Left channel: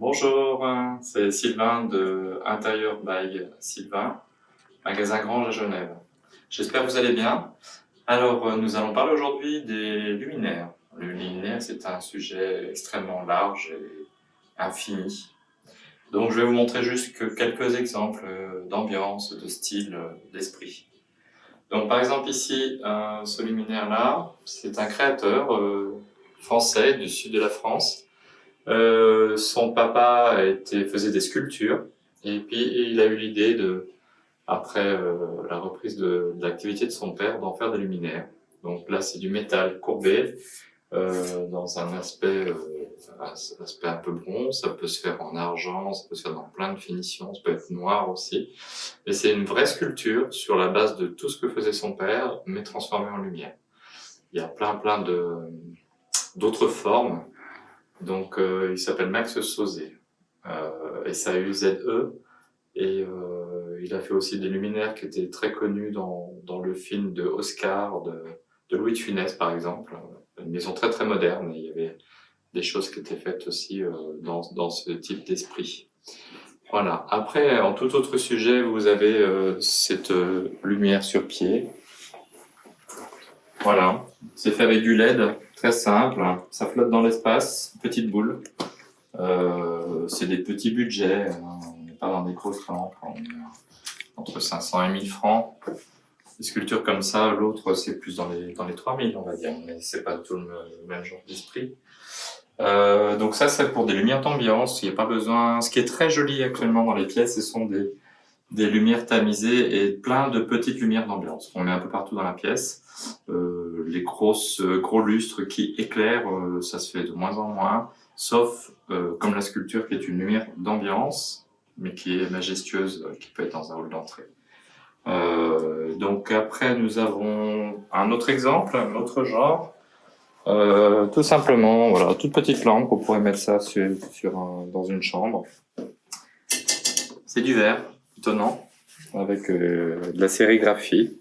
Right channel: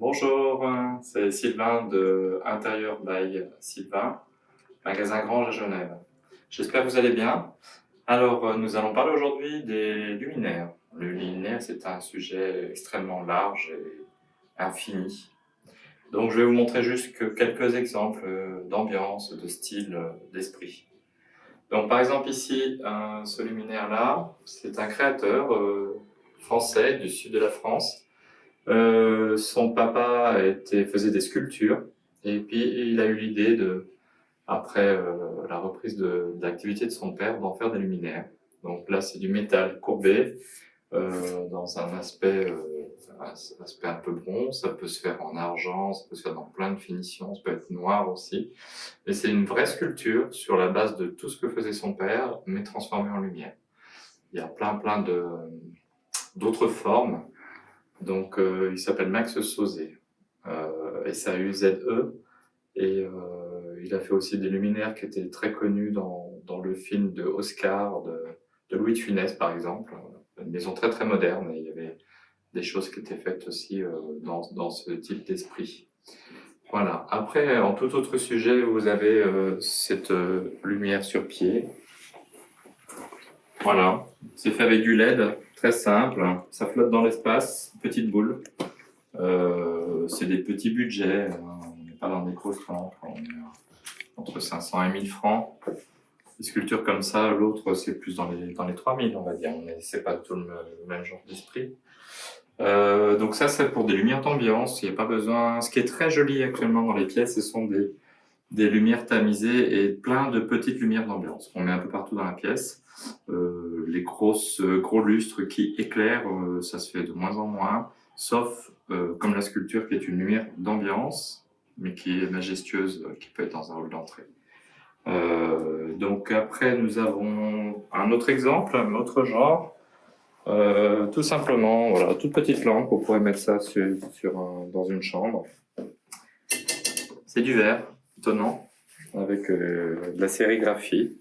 Bonjour, c'est Sylvain de Intérieur by Sylvain, magasin Grange à Genève. J'espère que vous allez bien. Alors, nous allons parler aujourd'hui des luminaires. Le luminaire, c'est un sujet extrêmement large et infini. Donc, je vais vous montrer juste quelques exemples d'ambiance, de style, d'esprit. Donc, par exemple, ici, ce luminaire-là, c'est un créateur français du sud de la France. Son papa faisait des sculptures et puis il a eu l'idée après la reprise de l'activité de son père, d'en faire des luminaires. Donc là, c'est du métal courbé dans un aspect un peu bronze. Ça peut se faire en argent, ça peut se faire dans plein de finitions, ça peut être noir aussi. Mais c'est une vraie sculpture sur la base de tout ce que faisait son père, mais transformé en lumière. Il y a plein d'autres formes. Donc, il s'appelle Max Sauzet, S-A-U-Z-E, et il a fait aussi des luminaires qui étaient très connus dans le film de Oscar, de Louis de Funès, par exemple. Une maison très moderne, et il y avait des choses qui étaient faites aussi dans ce type d'esprit. Voilà. Après, en tout autre sujet, vous avez cette lumière sur pied. Voilà. C'est fait avec du LED, très simple. Ça flotte dans l'espace, petite boule. C'est des petits budgets, on n'est pas dans des grosses lampes, on est entre 500 et 1000 francs. Des sculptures comme ça, l'autre c'est plus dans les 3000 on va dire, mais c'est pas tout le même genre d'esprit. Donc ça c'est pour des lumières d'ambiance, il n'y a pas besoin. Ce qui est très joli actuellement dans les pièces, ce sont des lumières tamisées et plein de petites lumières d'ambiance qu'on met un peu partout dans la pièce. Les gros lustres qui éclairent, ça se fait de moins en moins, sauf comme la sculpture qui est une lumière d'ambiance, mais qui est majestueuse, qui peut être dans un hall d'entrée. Donc après, nous avons un autre exemple, un autre genre. Tout simplement, voilà, toute petite lampe, on pourrait mettre ça dans une chambre. C'est du verre, étonnant, avec de la sérigraphie.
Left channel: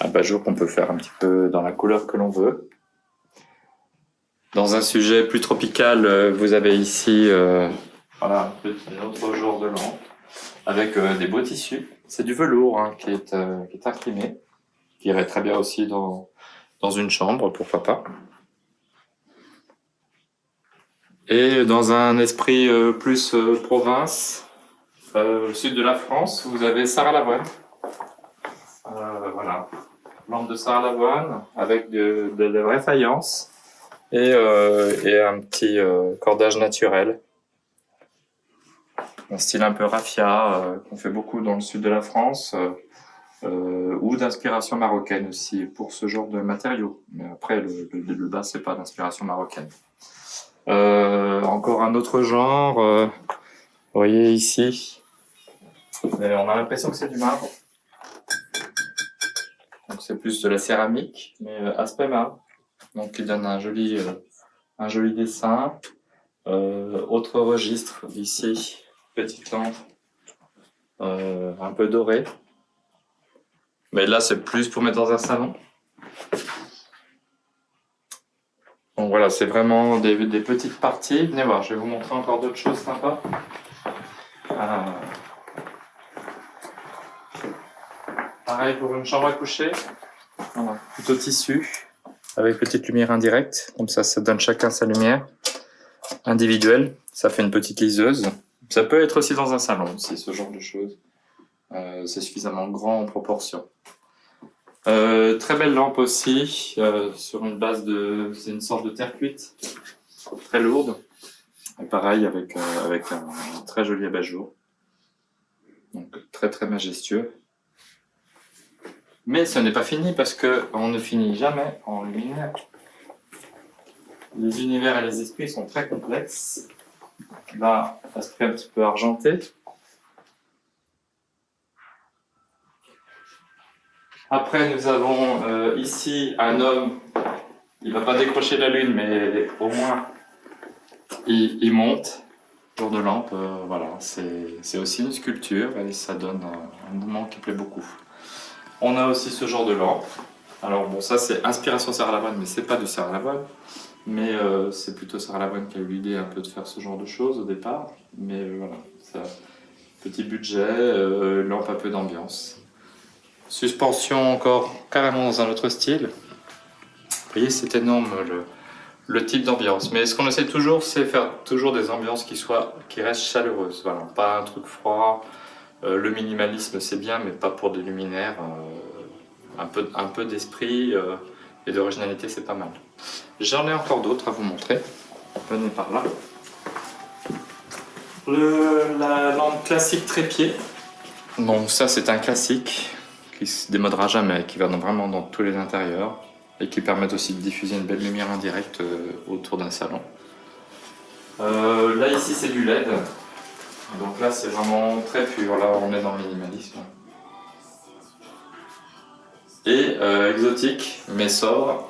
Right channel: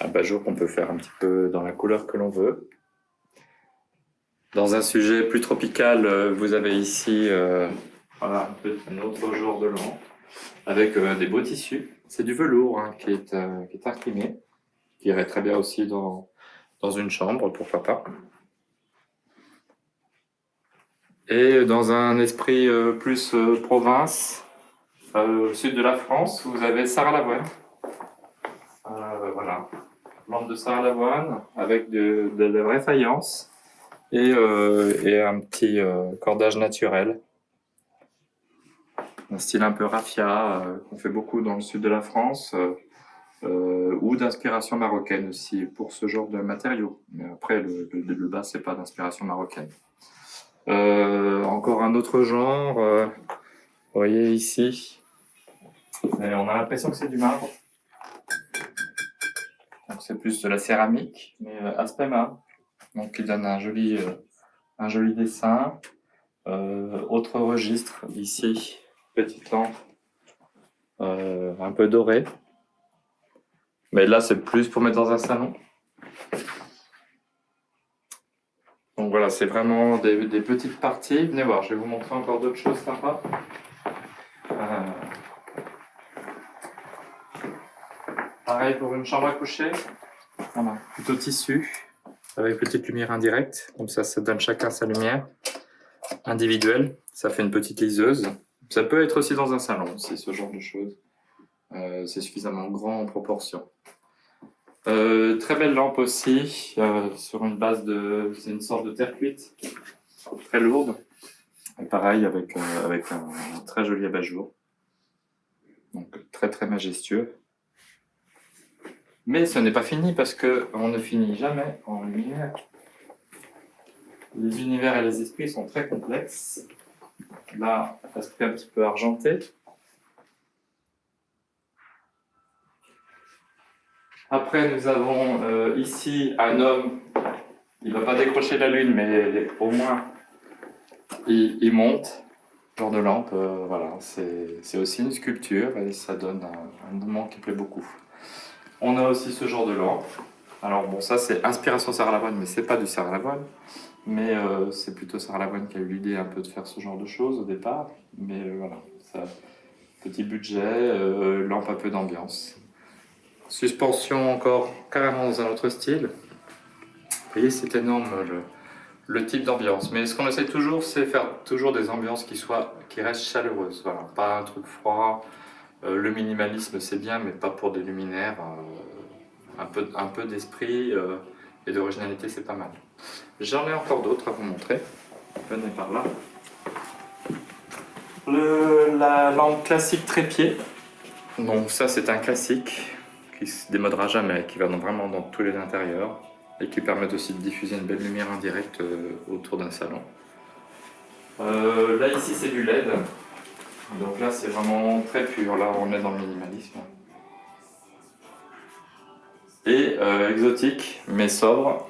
Abat-jour qu'on peut faire un petit peu dans la couleur que l'on veut. Dans un sujet plus tropical, vous avez ici voilà, un autre genre de lampe avec des beaux tissus. C'est du velours hein, qui est imprimé, qui irait très bien aussi dans une chambre, pourquoi pas. Et dans un esprit plus province, au sud de la France, vous avez Sarah Lavoine. Voilà, lampe de Sarah Lavoine avec de la vraie faïence. Et un petit cordage naturel. Un style un peu raffia, qu'on fait beaucoup dans le sud de la France, ou d'inspiration marocaine aussi, pour ce genre de matériaux. Mais après, le bas, c'est pas d'inspiration marocaine. Encore un autre genre, vous voyez ici, et on a l'impression que c'est du marbre. Donc c'est plus de la céramique, mais aspect marbre. Donc qui donne un joli dessin. Autre registre ici, petite lampe un peu dorée. Mais là, c'est plus pour mettre dans un salon. Donc voilà, c'est vraiment des petites parties. Venez voir, je vais vous montrer encore d'autres choses sympas. Pareil pour une chambre à coucher. Voilà, plutôt tissu, avec petite lumière indirecte. Comme ça donne chacun sa lumière individuelle. Ça fait une petite liseuse. Ça peut être aussi dans un salon, aussi, ce genre de choses. C'est suffisamment grand en proportion. Très belle lampe aussi, sur une base c'est une sorte de terre cuite, très lourde. Et pareil avec un très joli abat-jour. Donc très majestueux. Mais ce n'est pas fini parce que on ne finit jamais en lumière. Les univers et les esprits sont très complexes. Là, aspect un petit peu argenté. Après, nous avons ici un homme. Il ne va pas décrocher la lune, mais au moins il monte. Genre de lampe, voilà, c'est aussi une sculpture et ça donne un mouvement qui plaît beaucoup. On a aussi ce genre de lampe. Alors bon, ça c'est inspiration Sarah Lavoine, mais c'est pas du Sarah Lavoine. Mais c'est plutôt Sarah Lavoine qui a eu l'idée un peu de faire ce genre de choses au départ. Mais voilà, ça, petit budget, lampe un peu d'ambiance. Suspension encore carrément dans un autre style. Vous voyez, c'est énorme le type d'ambiance. Mais ce qu'on essaie toujours, c'est faire toujours des ambiances qui restent chaleureuses. Voilà, pas un truc froid. Le minimalisme, c'est bien, mais pas pour des luminaires. Un peu d'esprit et d'originalité, c'est pas mal. J'en ai encore d'autres à vous montrer. Venez par là. La lampe classique trépied. Bon, ça c'est un classique qui se démodera jamais, qui va vraiment dans tous les intérieurs et qui permet aussi de diffuser une belle lumière indirecte autour d'un salon. Là ici c'est du LED, donc là c'est vraiment très pur, là on est dans le minimalisme. Et exotique mais sobre,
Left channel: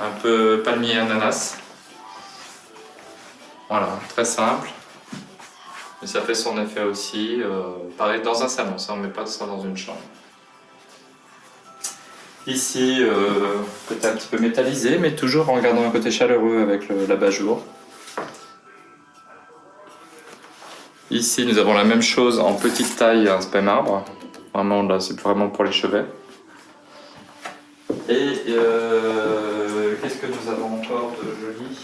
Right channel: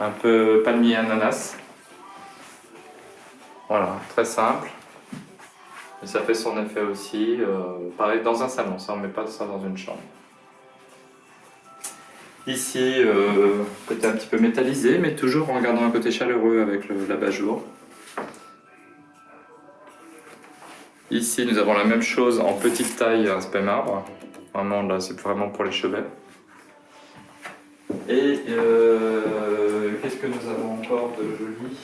un peu palmier ananas. Voilà, très simple. Mais ça fait son effet aussi. Pareil, dans un salon, ça on ne met pas ça dans une chambre. Ici, côté un petit peu métallisé, mais toujours en gardant un côté chaleureux avec l'abat-jour. Ici, nous avons la même chose en petite taille, un spey marbre. Vraiment, là, c'est vraiment pour les chevets. Et qu'est-ce que nous avons encore de joli?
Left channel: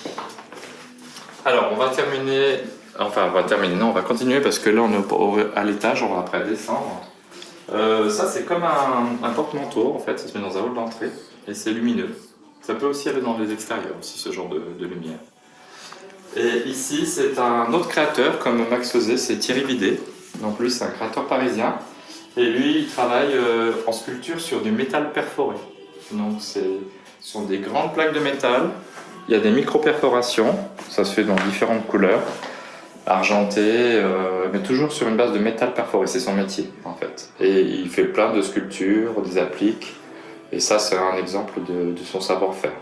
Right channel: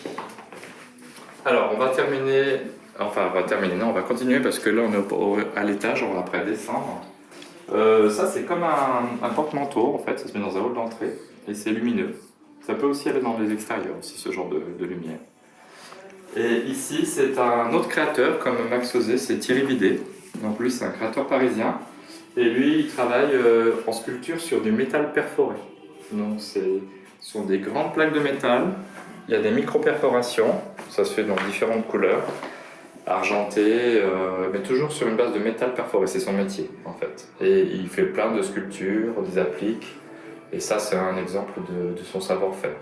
Alors, on va terminer. Enfin, on va terminer, non, on va continuer parce que là, on est à l'étage, on va après descendre. Ça, c'est comme un porte-manteau, en fait, ça se met dans un hall d'entrée et c'est lumineux. Ça peut aussi aller dans les extérieurs, aussi, ce genre de lumière. Et ici, c'est un autre créateur, comme Max faisait, c'est Thierry Bidet. Donc lui, c'est un créateur parisien. Et lui, il travaille en sculpture sur du métal perforé. Donc ce sont des grandes plaques de métal. Il y a des micro-perforations, ça se fait dans différentes couleurs, argentées, mais toujours sur une base de métal perforé, c'est son métier en fait. Et il fait plein de sculptures, des appliques, et ça c'est un exemple de son savoir-faire.